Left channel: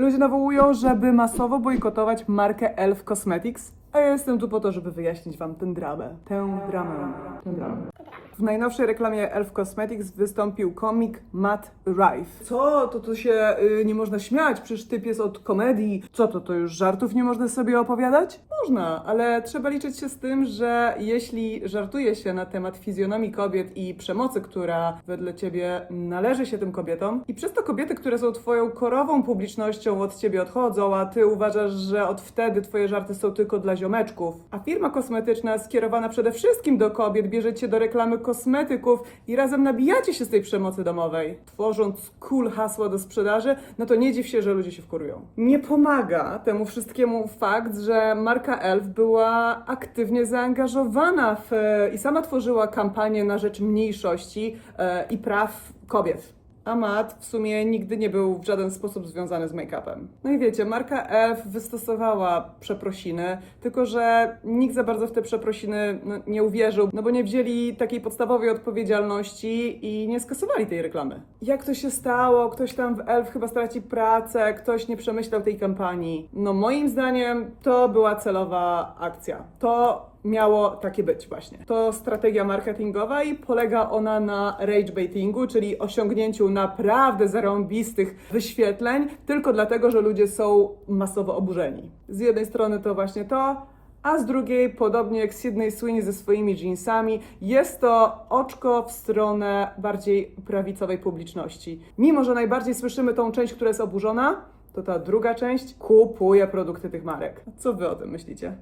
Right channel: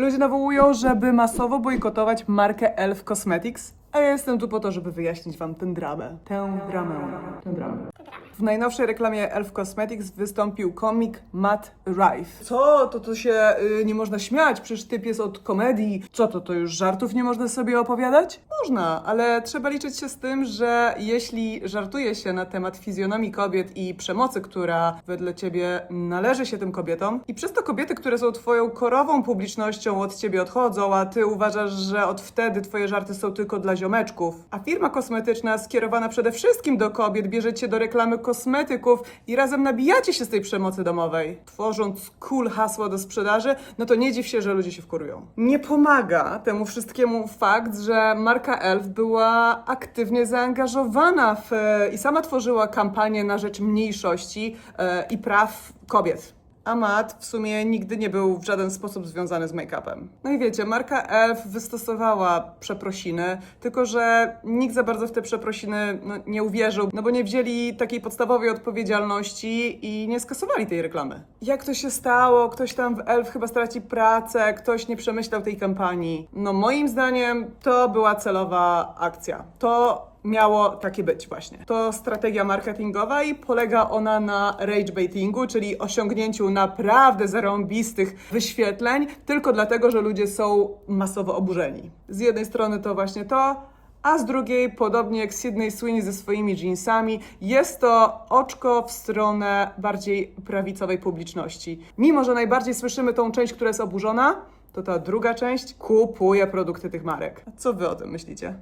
Ludzie nawołują, żeby masowo bojkotować markę Elf Cosmetics, a ja jestem tu po to, żeby wyjaśnić wam tę dramę. Tę dramę. Tę dramę. W najnowszej reklamie Elf Cosmetics wystąpił komik Matt Rife. Co? To to się y, nie można śmiać, przecież typ jest od komedii. Co to, to już żartów nie można sobie opowiadać? Można, ale trzeba liczyć się z tym, że jeśli żartuje się na temat fizjonomii kobiet i przemocy, która wedle ciebie należy się tym kobietom, i przez to kobiety, które są twoją korową publicznością od ciebie odchodzą, a ty uważasz, że od wtedy twoje żarty są tylko dla ziomeczków, a firma kosmetyczna skierowana przede wszystkim do kobiet bierze cię do reklamy kosmetyków i razem nabijacie się z tej przemocy domowej, tworząc cool hasła do sprzedaży, no to nie dziw się, że ludzie się wkurują. Nie pomaga temu wszystkiemu fakt, że marka Elf była aktywnie zaangażowana w, i sama tworzyła kampanię na rzecz mniejszości e, i praw kobiet. A Matt w sumie nigdy nie był w żaden sposób związany z make-upem. No i wiecie, marka Elf wystosowała przeprosiny, tylko że nikt za bardzo w te przeprosiny no, nie uwierzył, no bo nie wzięli takiej podstawowej odpowiedzialności i nie skasowali tej reklamy. Jak to się stało? Ktoś tam w Elf chyba straci pracę, ktoś nie przemyślał tej kampanii. No moim zdaniem to była celowa akcja. To miało takie być właśnie. To strategia marketingowa i polega ona na rage baitingu, czyli osiągnięciu naprawdę zarąbistych wyświetleń, tylko dlatego, że ludzie są masowo oburzeni. Z jednej strony to właśnie to, a z drugiej, podobnie jak Sydney Sweeney ze swoimi jeansami, jest to oczko w stronę bardziej prawicowej publiczności. Mimo, że najbardziej słyszymy tą część, która jest oburzona, to ta druga część kupuje produkty tych marek. Co wy o tym myślicie?